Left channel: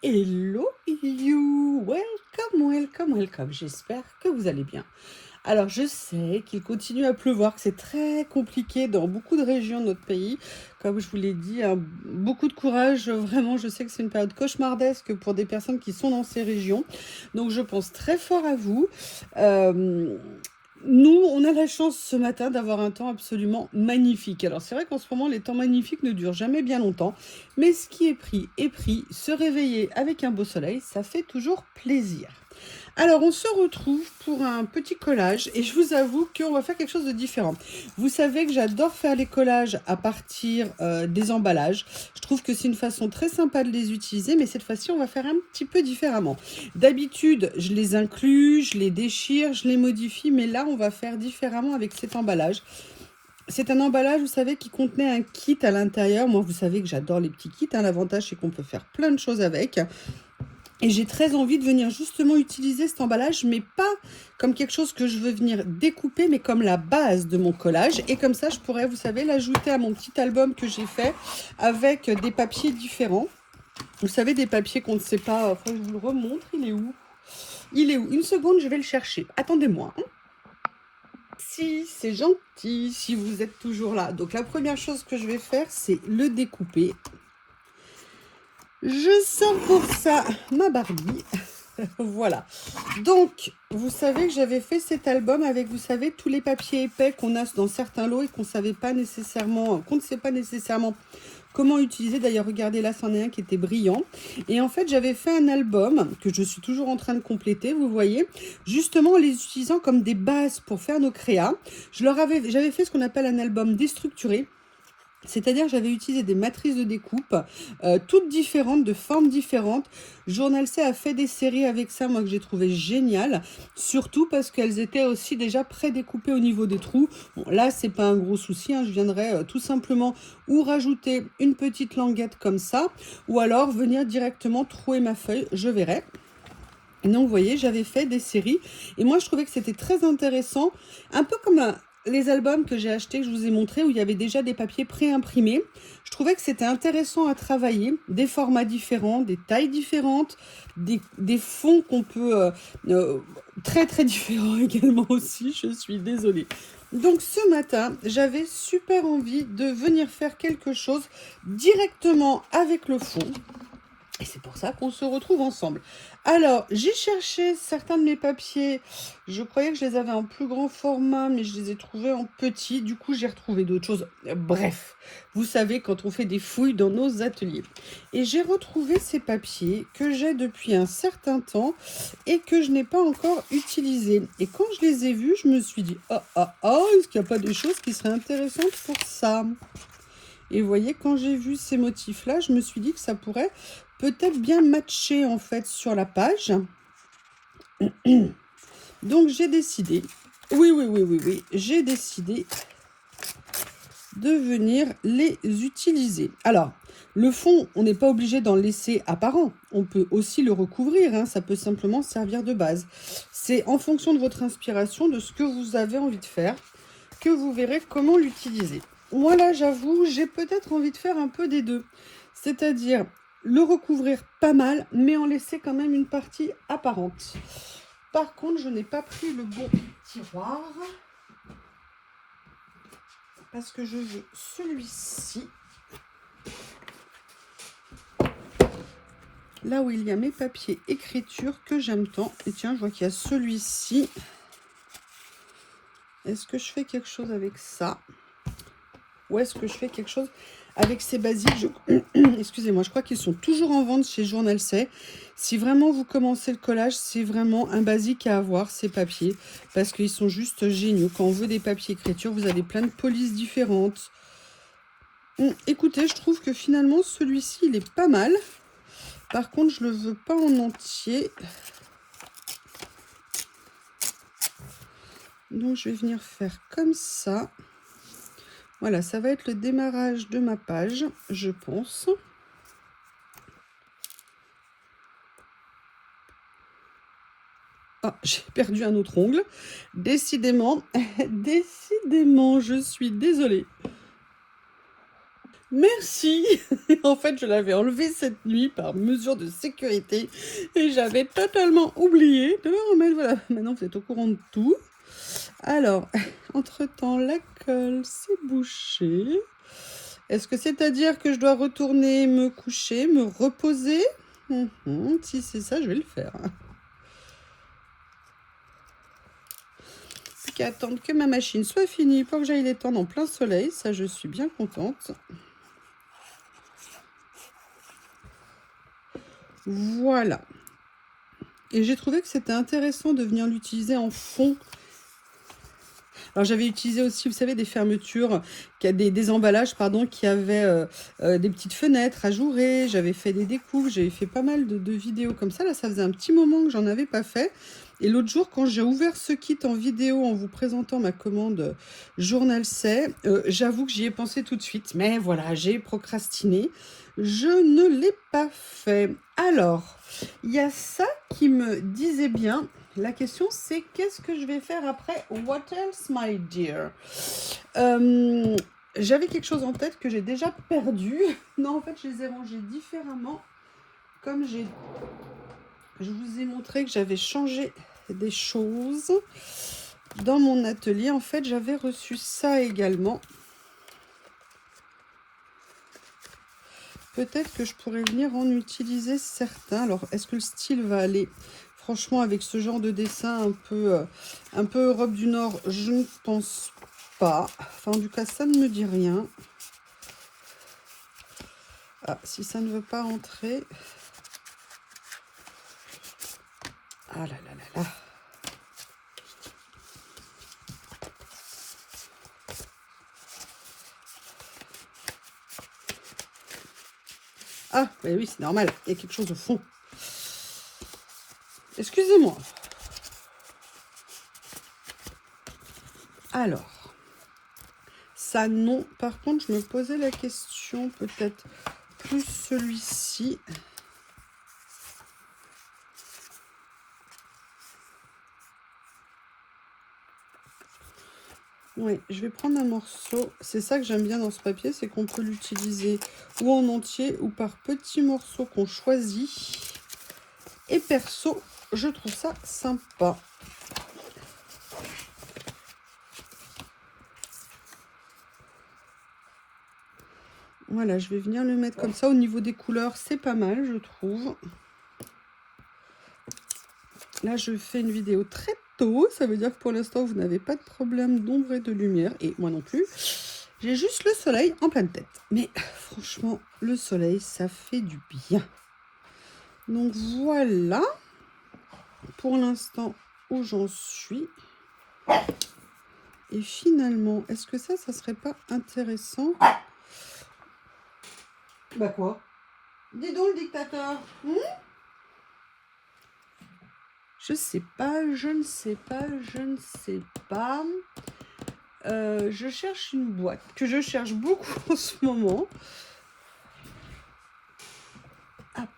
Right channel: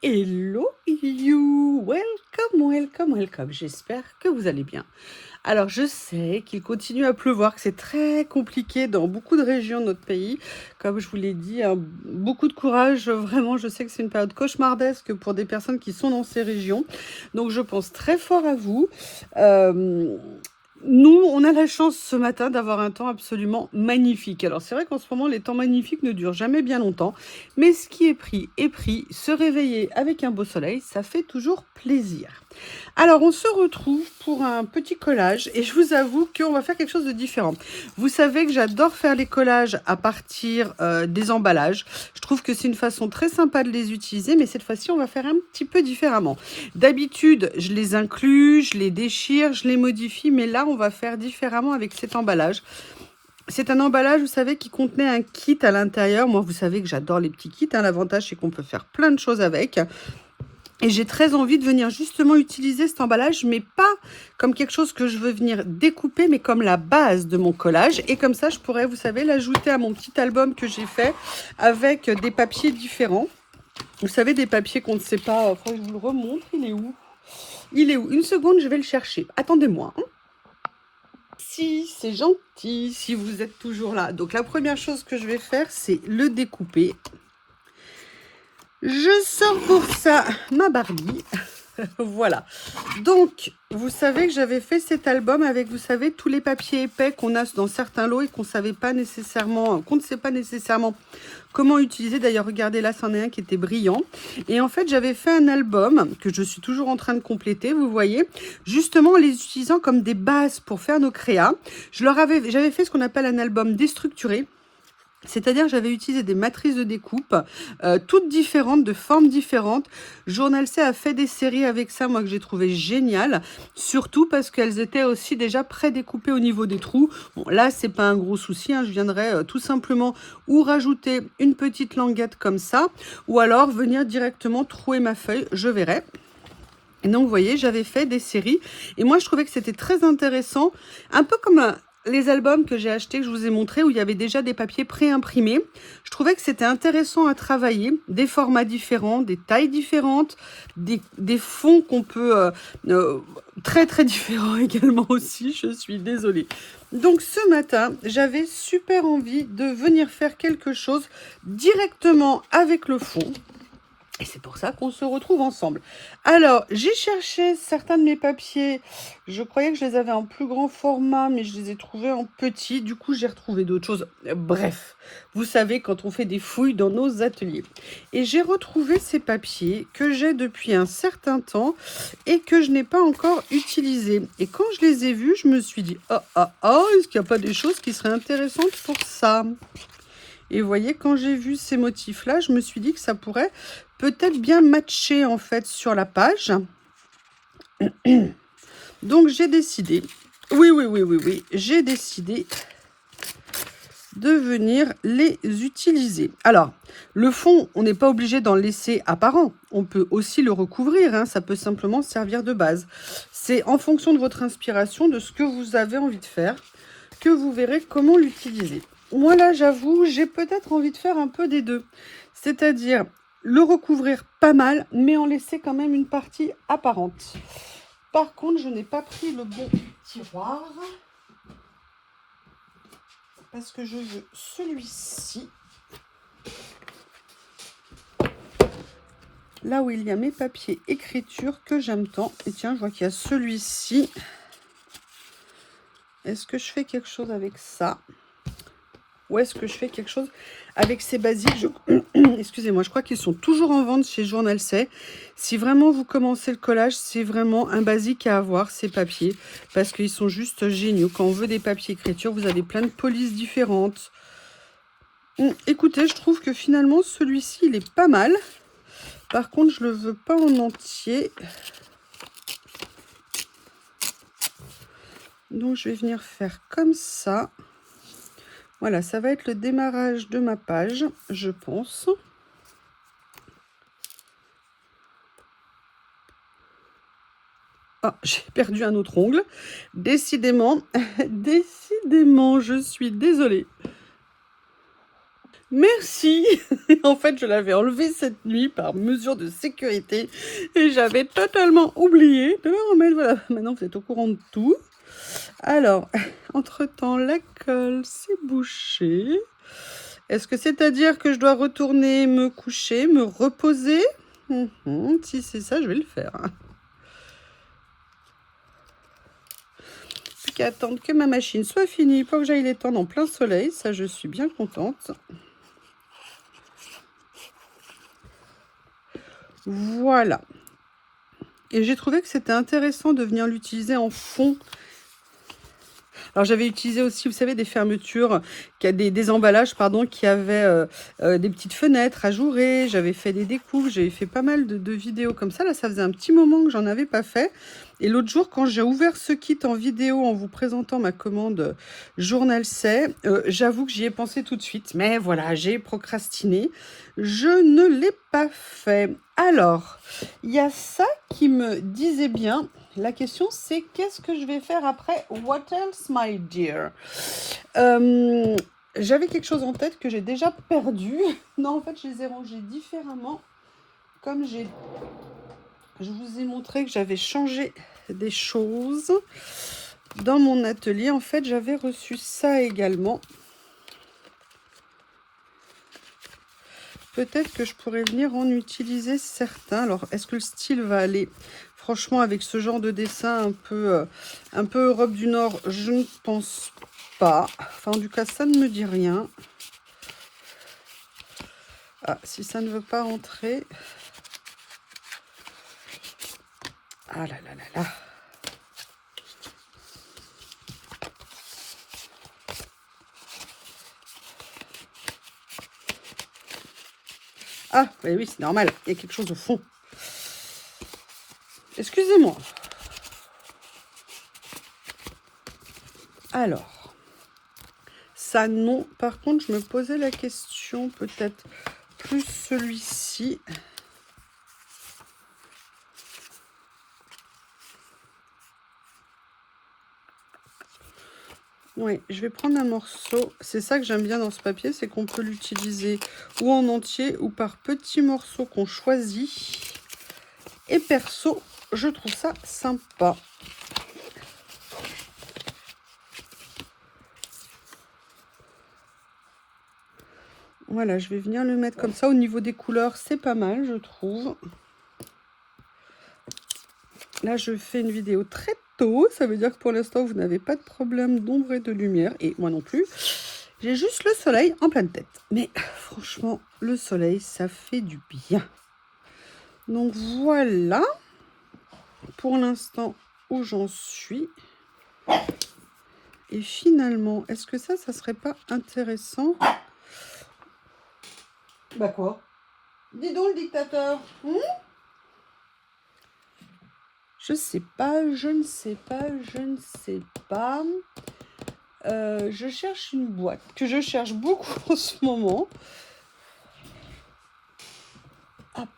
Hello you, welcome, welcome, welcome. J'espère que vous allez bien. Alors, je sais qu'il continue à pleuvoir, que c'est très compliqué dans beaucoup de régions de notre pays. Comme je vous l'ai dit, hein, beaucoup de courage. Vraiment, je sais que c'est une période cauchemardesque pour des personnes qui sont dans ces régions. Donc, je pense très fort à vous. Euh, Nous, on a la chance ce matin d'avoir un temps absolument magnifique. Alors, c'est vrai qu'en ce moment, les temps magnifiques ne durent jamais bien longtemps. Mais ce qui est pris est pris. Se réveiller avec un beau soleil, ça fait toujours plaisir. Alors, on se retrouve pour un petit collage et je vous avoue qu'on va faire quelque chose de différent. Vous savez que j'adore faire les collages à partir des emballages. Je trouve que c'est une façon très sympa de les utiliser, mais cette fois-ci, on va faire un petit peu différemment. D'habitude, je les inclus, je les déchire, je les modifie, mais là, on va faire différemment avec cet emballage. C'est un emballage, vous savez, qui contenait un kit à l'intérieur. Moi, vous savez que j'adore les petits kits. Hein. L'avantage, c'est qu'on peut faire plein de choses avec. Et j'ai très envie de venir justement utiliser cet emballage, mais pas comme quelque chose que je veux venir découper, mais comme la base de mon collage. Et comme ça, je pourrais, vous savez, l'ajouter à mon petit album que j'ai fait avec des papiers différents. Vous savez, des papiers qu'on ne sait pas. Enfin, je vous le remontre. Il est où? Il est où? Une seconde, je vais le chercher. Attendez-moi. Hein. Si, c'est gentil, si vous êtes toujours là. Donc, la première chose que je vais faire, c'est le découper. Je sors pour ça ma Barbie. Voilà. Donc, vous savez que j'avais fait cet album avec, vous savez, tous les papiers épais qu'on a dans certains lots et qu'on ne sait pas nécessairement comment utiliser. D'ailleurs, regardez là, c'en est un qui était brillant. Et en fait, j'avais fait un album que je suis toujours en train de compléter, vous voyez, justement en les utilisant comme des bases pour faire nos créas. J'avais fait ce qu'on appelle un album déstructuré. C'est-à-dire que j'avais utilisé des matrices de découpe, toutes différentes, de formes différentes. Journal C a fait des séries avec ça, moi, que j'ai trouvé génial. Surtout parce qu'elles étaient aussi déjà pré-découpées au niveau des trous. Bon, là, c'est pas un gros souci. Hein, je viendrai tout simplement ou rajouter une petite languette comme ça, ou alors venir directement trouer ma feuille, je verrai. Et donc, vous voyez, j'avais fait des séries. Et moi, je trouvais que c'était très intéressant. Un peu comme les albums que j'ai achetés, que je vous ai montrés, où il y avait déjà des papiers pré-imprimés. Je trouvais que c'était intéressant à travailler. Des formats différents, des tailles différentes, des fonds qu'on peut... très, très différents également aussi. Je suis désolée. Donc, ce matin, j'avais super envie de venir faire quelque chose directement avec le fond. Et c'est pour ça qu'on se retrouve ensemble. Alors, j'ai cherché certains de mes papiers. Je croyais que je les avais en plus grand format, mais je les ai trouvés en petit. Du coup, j'ai retrouvé d'autres choses. Bref, vous savez, quand on fait des fouilles dans nos ateliers. Et j'ai retrouvé ces papiers que j'ai depuis un certain temps et que je n'ai pas encore utilisés. Et quand je les ai vus, je me suis dit, est-ce qu'il n'y a pas des choses qui seraient intéressantes pour ça ? Et vous voyez, quand j'ai vu ces motifs-là, je me suis dit que ça pourrait peut-être bien matcher en fait sur la page. Donc j'ai décidé, oui, j'ai décidé de venir les utiliser. Alors, le fond, on n'est pas obligé d'en laisser apparent. On peut aussi le recouvrir, hein, ça peut simplement servir de base. C'est en fonction de votre inspiration, de ce que vous avez envie de faire, que vous verrez comment l'utiliser. Moi là, j'avoue, j'ai peut-être envie de faire un peu des deux. C'est-à-dire le recouvrir pas mal, mais en laisser quand même une partie apparente. Par contre, je n'ai pas pris le bon tiroir. Parce que je veux celui-ci. Là où il y a mes papiers écriture que j'aime tant. Et tiens, je vois qu'il y a celui-ci. Est-ce que je fais quelque chose avec ça? Ou est-ce que je fais quelque chose avec ces basiques? Excusez-moi, je crois qu'ils sont toujours en vente chez Journal C. Si vraiment vous commencez le collage, c'est vraiment un basique à avoir, ces papiers. Parce qu'ils sont juste géniaux. Quand on veut des papiers écriture, vous avez plein de polices différentes. Écoutez, je trouve que finalement, celui-ci, il est pas mal. Par contre, je ne le veux pas en entier. Donc, je vais venir faire comme ça. Voilà, ça va être le démarrage de ma page, je pense. Ah, j'ai perdu un autre ongle. Décidément, décidément, je suis désolée. Merci. En fait, je l'avais enlevé cette nuit par mesure de sécurité et j'avais totalement oublié de le remettre. Voilà, maintenant vous êtes au courant de tout. Alors, entre-temps, la colle s'est bouchée. Est-ce que c'est-à-dire que je dois retourner me coucher, me reposer? Si c'est ça, je vais le faire. Plus qu'à attendre que ma machine soit finie pour que j'aille l'étendre en plein soleil. Ça, je suis bien contente. Voilà. Et j'ai trouvé que c'était intéressant de venir l'utiliser en fond. Alors j'avais utilisé aussi, vous savez, des fermetures, des emballages, pardon, qui avaient des petites fenêtres ajourées. J'avais fait des découpes, j'avais fait pas mal de vidéos comme ça. Là, ça faisait un petit moment que j'en avais pas fait. Et l'autre jour, quand j'ai ouvert ce kit en vidéo en vous présentant ma commande Journal C, j'avoue que j'y ai pensé tout de suite. Mais voilà, j'ai procrastiné. Je ne l'ai pas fait. Alors, il y a ça qui me disait bien. La question, c'est qu'est-ce que je vais faire après? What else, my dear? J'avais quelque chose en tête que j'ai déjà perdu. Non, en fait, je les ai rangés différemment. Comme je vous ai montré que j'avais changé des choses dans mon atelier. En fait, j'avais reçu ça également. Peut-être que je pourrais venir en utiliser certains. Alors, est-ce que le style va aller franchement avec ce genre de dessin un peu Europe du Nord? Je ne pense pas. Enfin, en tout cas, ça ne me dit rien. Ah, si ça ne veut pas rentrer. Ah là là là là. Ah, oui, c'est normal. Il y a quelque chose au fond. Excusez-moi. Alors, ça non. Par contre, je me posais la question, peut-être plus celui-ci. Oui, je vais prendre un morceau. C'est ça que j'aime bien dans ce papier, c'est qu'on peut l'utiliser ou en entier ou par petits morceaux qu'on choisit. Et perso, je trouve ça sympa. Voilà, je vais venir le mettre comme ça. Au niveau des couleurs, c'est pas mal, je trouve. Là, je fais une vidéo très tôt. Ça veut dire que pour l'instant, vous n'avez pas de problème d'ombre et de lumière. Et moi non plus. J'ai juste le soleil en pleine tête. Mais franchement, le soleil, ça fait du bien. Donc voilà. Pour l'instant, où j'en suis. Et finalement, est-ce que ça serait pas intéressant? Bah quoi? Dis donc, le dictateur. Je sais pas, je ne sais pas, je ne sais pas. Je cherche une boîte que je cherche beaucoup en ce moment. Hop.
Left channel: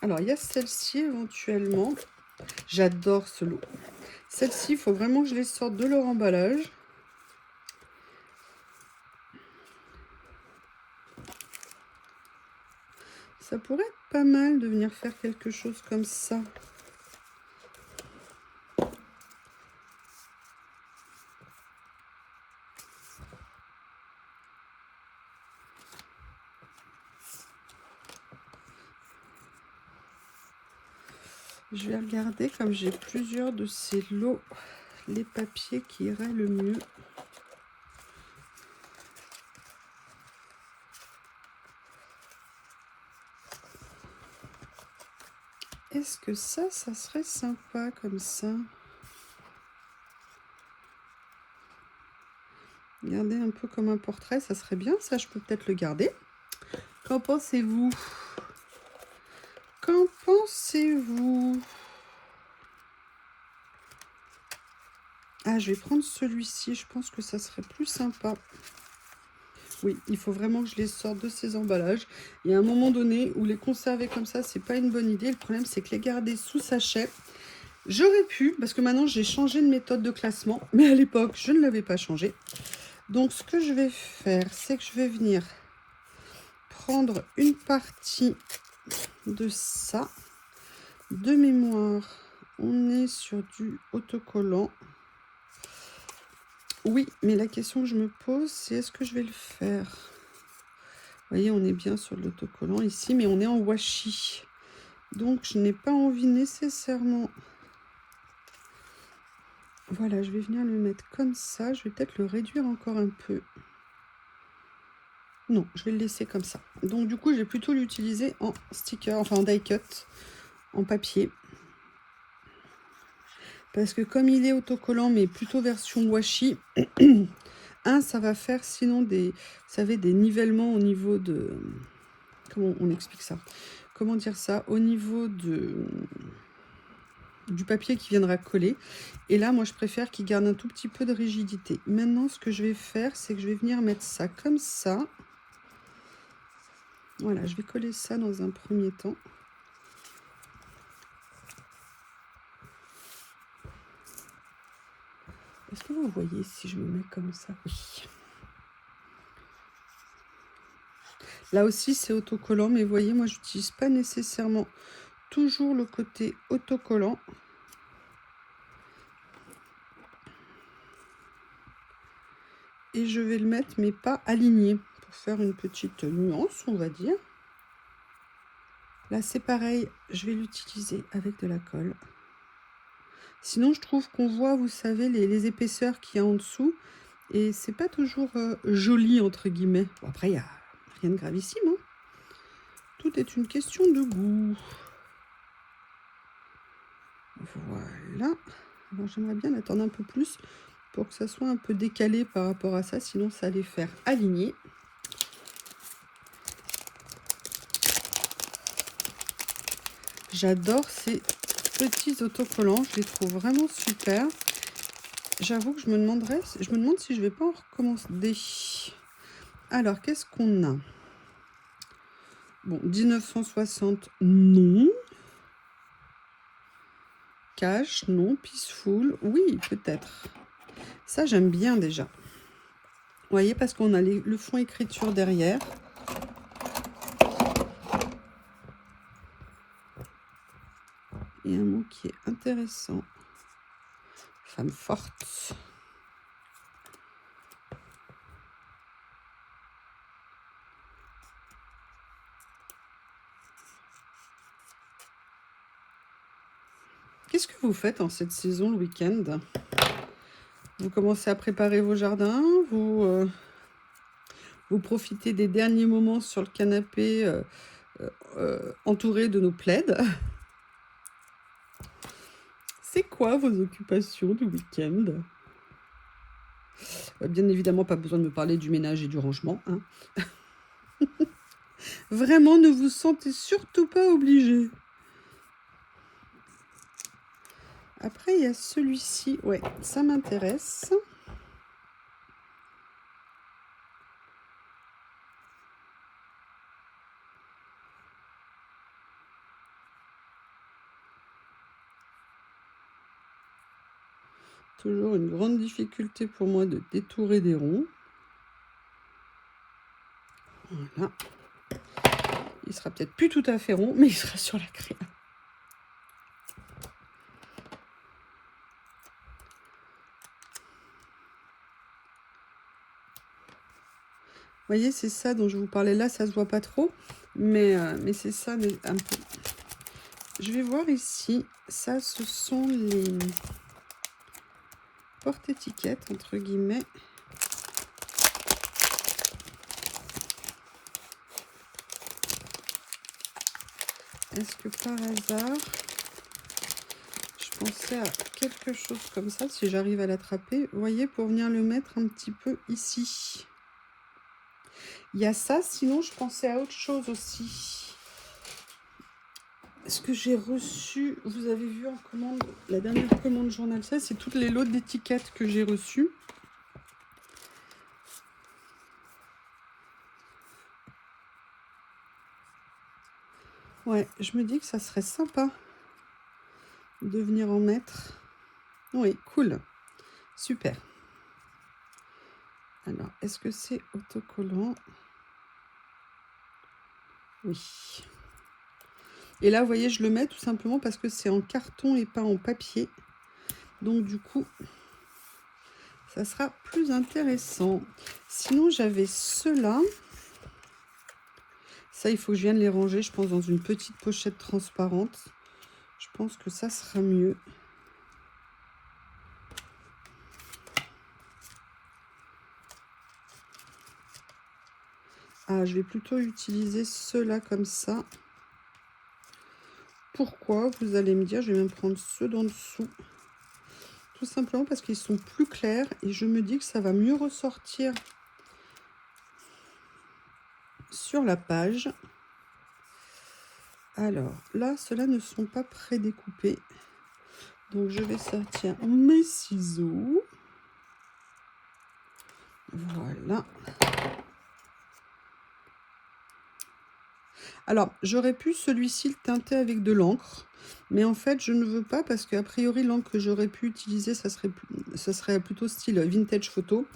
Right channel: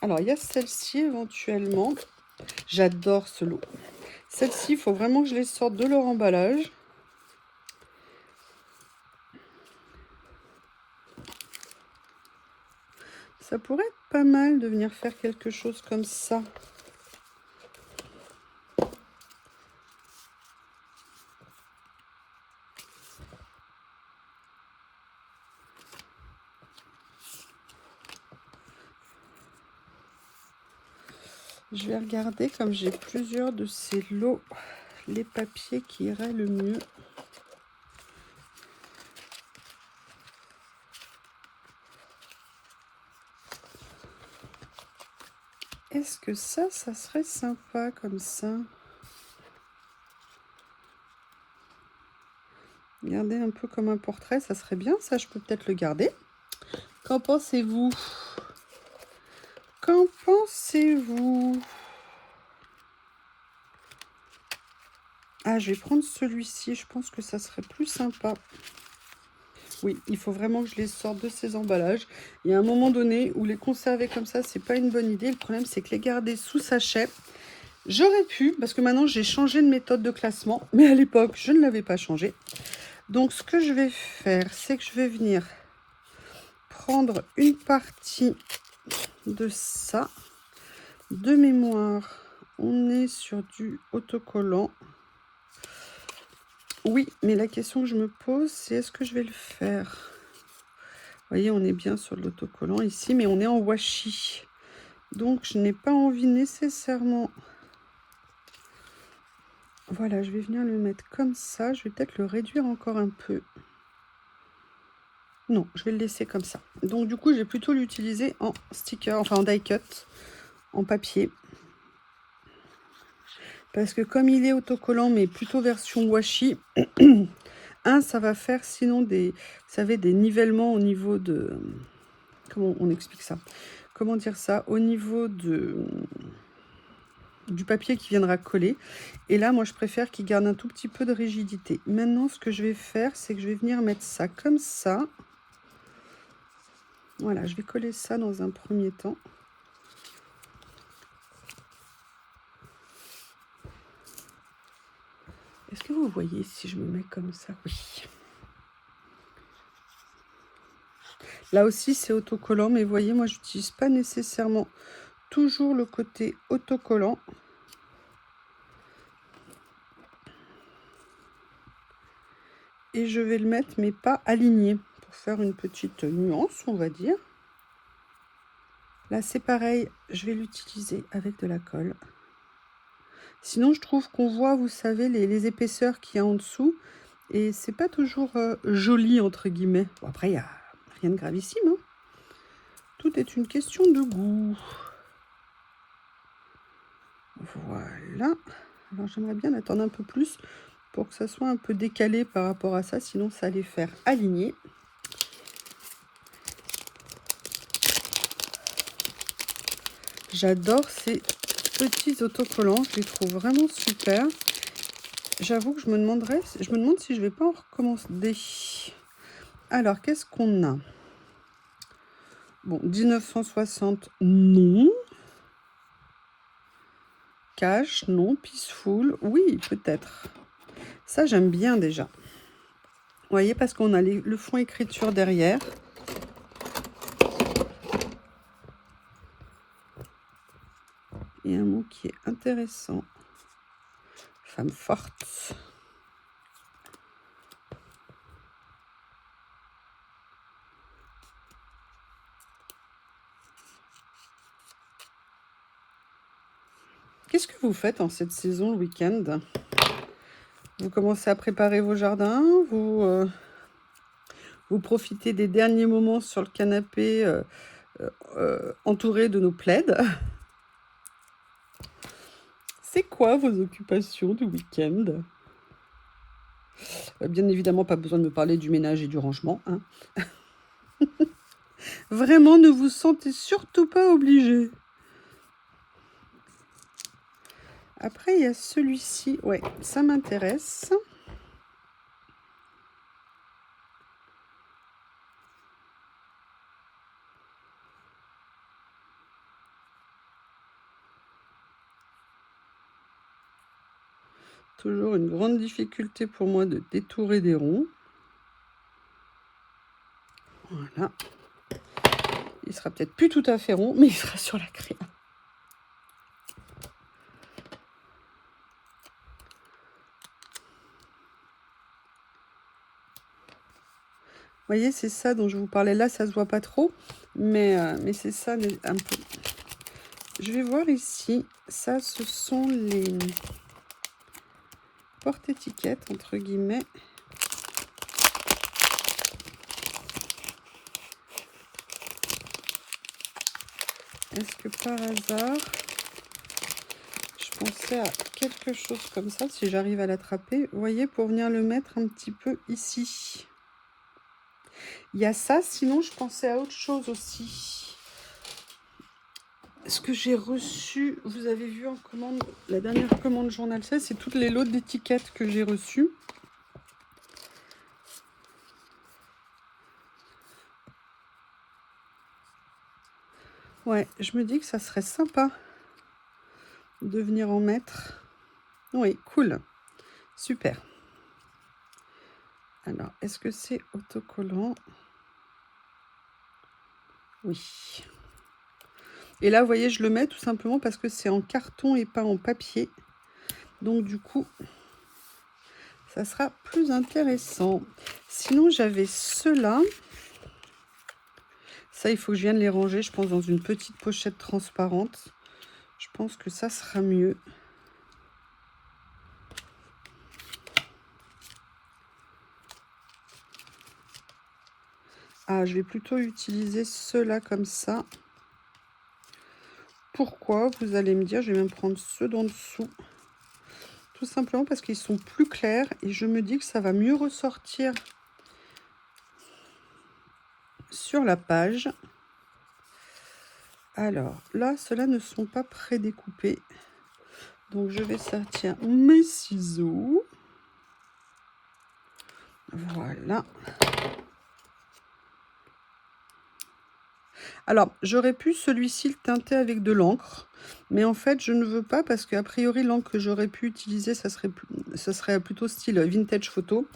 Alors, il y a celle-ci éventuellement. J'adore ce lot. Celle-ci, il faut vraiment que je les sorte de leur emballage. Ça pourrait être pas mal de venir faire quelque chose comme ça. Je vais regarder, comme j'ai plusieurs de ces lots, les papiers qui iraient le mieux. Est-ce que ça serait sympa comme ça? Regardez un peu comme un portrait, ça serait bien. Ça, je peux peut-être le garder. Qu'en pensez-vous? Qu'en pensez-vous? Ah, je vais prendre celui-ci. Je pense que ça serait plus sympa. Oui, il faut vraiment que je les sorte de ces emballages. Il y a un moment donné où les conserver comme ça, c'est pas une bonne idée. Le problème, c'est que les garder sous sachet, j'aurais pu, parce que maintenant, j'ai changé de méthode de classement. Mais à l'époque, je ne l'avais pas changé. Donc, ce que je vais faire, c'est que je vais venir prendre une partie de ça. De mémoire, on est sur du autocollant. Oui, mais la question que je me pose, c'est est-ce que je vais le faire? Vous voyez, on est bien sur l'autocollant ici, mais on est en washi. Donc, je n'ai pas envie nécessairement... Voilà, je vais venir le mettre comme ça. Je vais peut-être le réduire encore un peu. Non, je vais le laisser comme ça. Donc, du coup, je vais plutôt l'utiliser en sticker, enfin en die cut, en papier. Parce que comme il est autocollant, mais plutôt version washi, ça va faire sinon des, vous savez, des nivellements au niveau de... Comment on explique ça? Comment dire ça? Au niveau de... du papier qui viendra coller. Et là, moi, je préfère qu'il garde un tout petit peu de rigidité. Maintenant, ce que je vais faire, c'est que je vais venir mettre ça comme ça. Voilà, je vais coller ça dans un premier temps. Est-ce que vous voyez si je me mets comme ça? Oui. Là aussi, c'est autocollant, mais vous voyez, moi, je n'utilise pas nécessairement toujours le côté autocollant. Et je vais le mettre, mais pas aligné, pour faire une petite nuance, on va dire. Là, c'est pareil, je vais l'utiliser avec de la colle. Sinon, je trouve qu'on voit, vous savez, les épaisseurs qu'il y a en dessous. Et c'est pas toujours joli, entre guillemets. Bon, après, il n'y a rien de gravissime. Hein. Tout est une question de goût. Voilà. Alors, j'aimerais bien attendre un peu plus pour que ça soit un peu décalé par rapport à ça. Sinon, ça allait faire aligner. J'adore ces petits autocollants. Je les trouve vraiment super. J'avoue que je me demande si je vais pas en recommander. Alors, qu'est-ce qu'on a? Bon, 1960, non. Cash, non. Peaceful, oui, peut-être. Ça, j'aime bien déjà. Vous voyez, parce qu'on a le fond écriture derrière. Il y a un mot qui est intéressant. Femme forte. Qu'est-ce que vous faites en cette saison le week-end? Vous commencez à préparer vos jardins, vous profitez des derniers moments sur le canapé entouré de nos plaids. C'est quoi vos occupations du week-end? Bien évidemment, pas besoin de me parler du ménage et du rangement. Hein. Vraiment, ne vous sentez surtout pas obligé. Après, il y a celui-ci. Ouais, ça m'intéresse. Toujours une grande difficulté pour moi de détourer des ronds. Voilà. Il sera peut-être plus tout à fait rond, mais il sera sur la craie. Vous voyez, c'est ça dont je vous parlais là, ça se voit pas trop, mais c'est ça un peu. Je vais voir ici, ça ce sont les porte-étiquettes, entre guillemets. Est-ce que par hasard, je pensais à quelque chose comme ça, si j'arrive à l'attraper, vous voyez, pour venir le mettre un petit peu ici. Il y a ça, sinon je pensais à autre chose aussi. Ce que j'ai reçu, vous avez vu en commande, la dernière commande Journal 16, c'est toutes les lots d'étiquettes que j'ai reçues. Ouais, je me dis que ça serait sympa de venir en mettre. Oui, cool. Super. Alors, est-ce que c'est autocollant? Oui. Et là, vous voyez, je le mets tout simplement parce que c'est en carton et pas en papier. Donc, du coup, ça sera plus intéressant. Sinon, j'avais ceux-là. Ça, il faut que je vienne les ranger, je pense, dans une petite pochette transparente. Je pense que ça sera mieux. Ah, je vais plutôt utiliser ceux-là comme ça. Pourquoi? Vous allez me dire, je vais même prendre ceux d'en dessous. Tout simplement parce qu'ils sont plus clairs et je me dis que ça va mieux ressortir sur la page. Alors, là, ceux-là ne sont pas prédécoupés. Donc, je vais sortir mes ciseaux. Voilà. Alors, j'aurais pu celui-ci le teinter avec de l'encre. Mais en fait, je ne veux pas parce qu'a priori, l'encre que j'aurais pu utiliser, ça serait plutôt style vintage photo.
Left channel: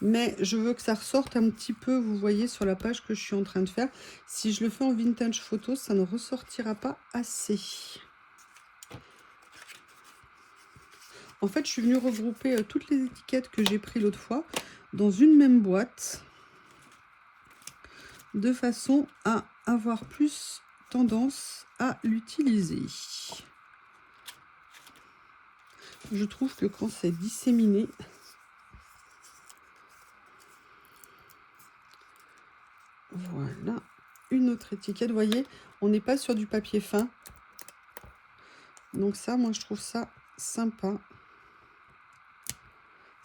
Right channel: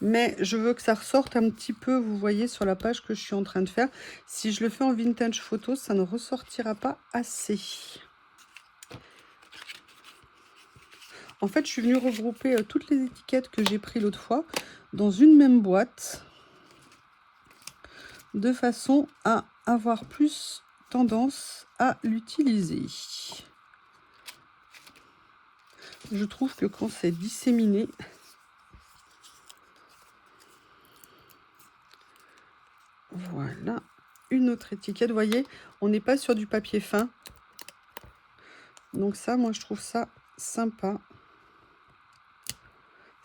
Mais je veux que ça ressorte un petit peu, vous voyez, sur la page que je suis en train de faire. Si je le fais en vintage photo, ça ne ressortira pas assez. En fait, je suis venue regrouper toutes les étiquettes que j'ai prises l'autre fois dans une même boîte, de façon à avoir plus tendance à l'utiliser. Je trouve que quand c'est disséminé, voilà, une autre étiquette, vous voyez, on n'est pas sur du papier fin. Donc ça, moi, je trouve ça sympa.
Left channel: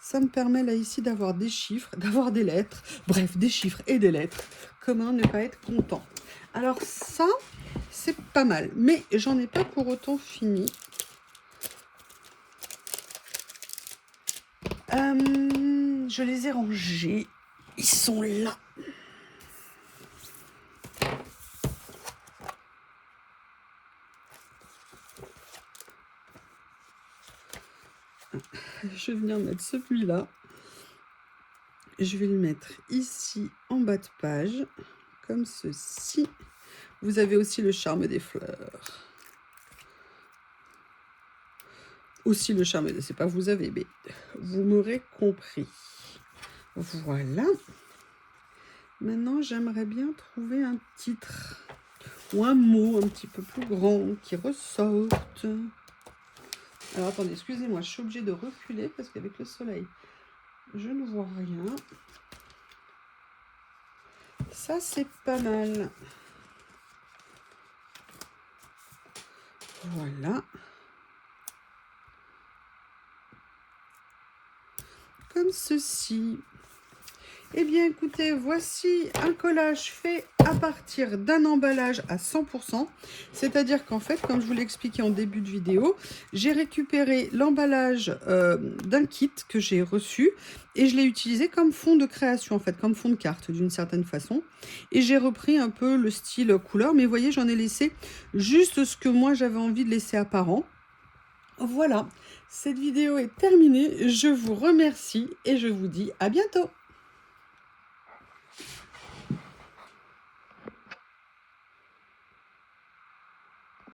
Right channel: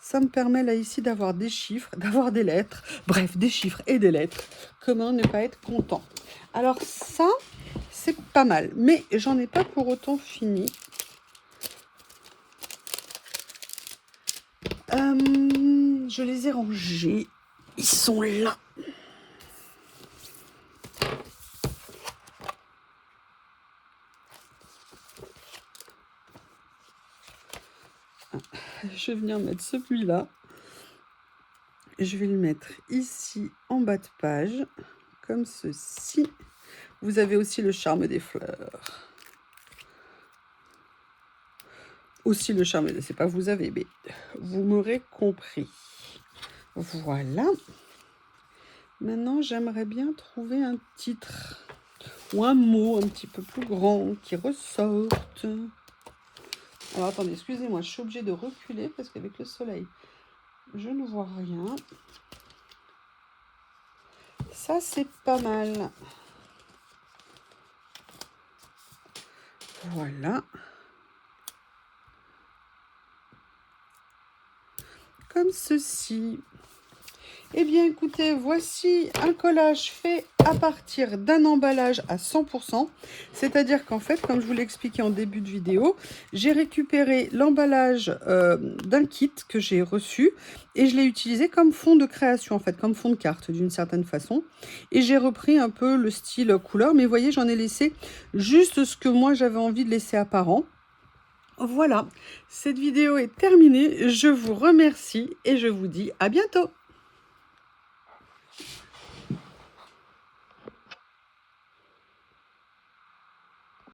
Ça me permet là ici d'avoir des chiffres, d'avoir des lettres, bref, des chiffres et des lettres. Comment ne pas être content? Alors ça, c'est pas mal, mais j'en ai pas pour autant fini. Je les ai rangés. Ils sont là. Je vais venir mettre celui-là. Je vais le mettre ici en bas de page, comme ceci. Vous avez aussi le charme des fleurs. Aussi le charme, c'est pas vous avez, mais vous m'aurez compris. Voilà. Maintenant, j'aimerais bien trouver un titre ou un mot un petit peu plus grand qui ressorte. Alors, attendez, excusez-moi, je suis obligée de reculer parce qu'avec le soleil, je ne vois rien. Ça, c'est pas mal. Voilà. Comme ceci. Eh bien, écoutez, voici un collage fait à partir d'un emballage à 100%. C'est-à-dire qu'en fait, comme je vous l'ai expliqué en début de vidéo, j'ai récupéré l'emballage d'un kit que j'ai reçu et je l'ai utilisé comme fond de création, en fait, comme fond de carte d'une certaine façon. Et j'ai repris un peu le style couleur, mais vous voyez, j'en ai laissé juste ce que moi j'avais envie de laisser apparent. Voilà, cette vidéo est terminée. Je vous remercie et je vous dis à bientôt.